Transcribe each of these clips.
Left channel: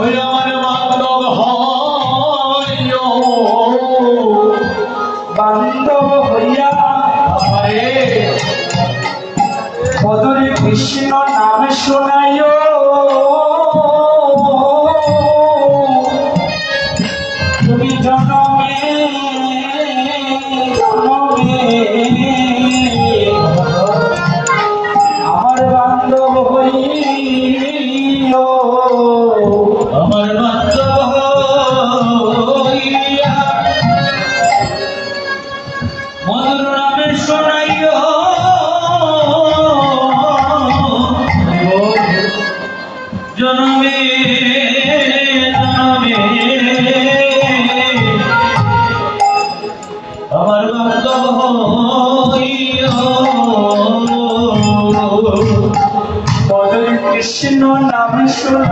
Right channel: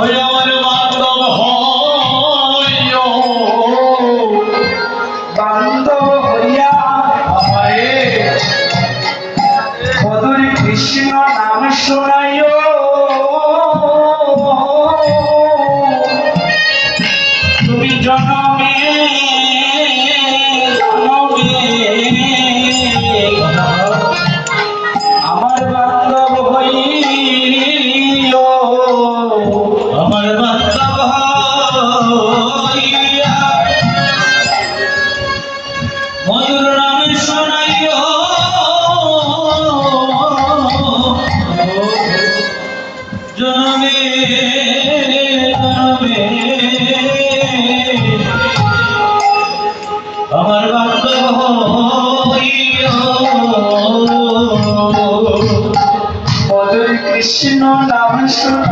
ওই আমার বান্ধব হয়। বান্ধব হইয়া আমারে। মধুর কৃষ্ণ নাম শোনাইও। মধুর কৃষ্ণ নাম শোনাইয়া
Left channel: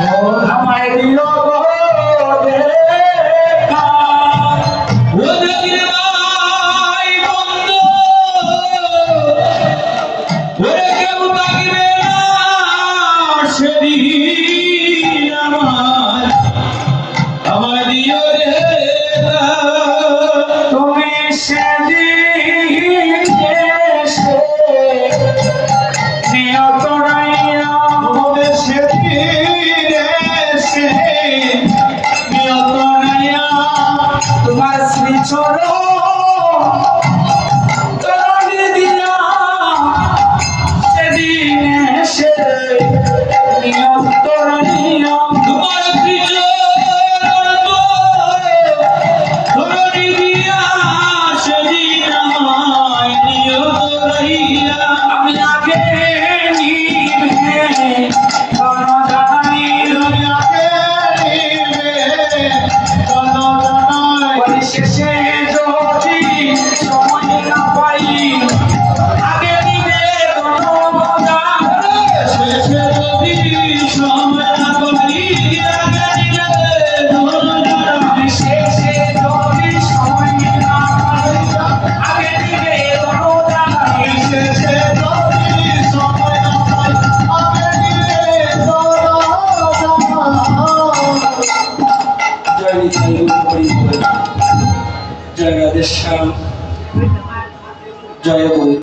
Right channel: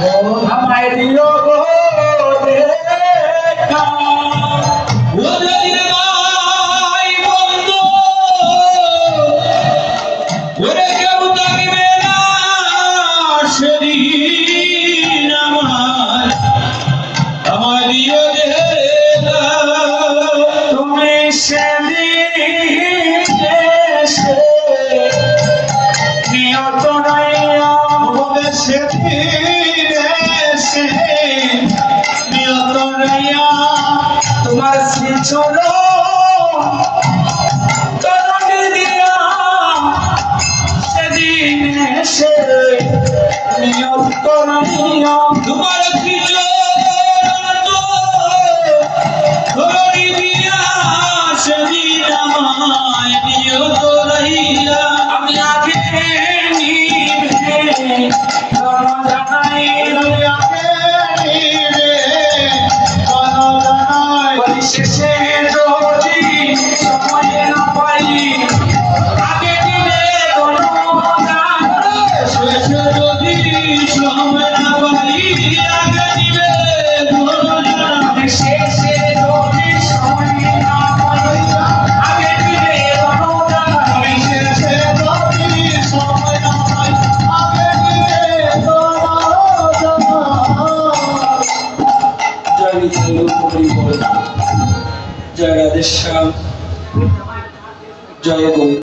我他妈爱你哟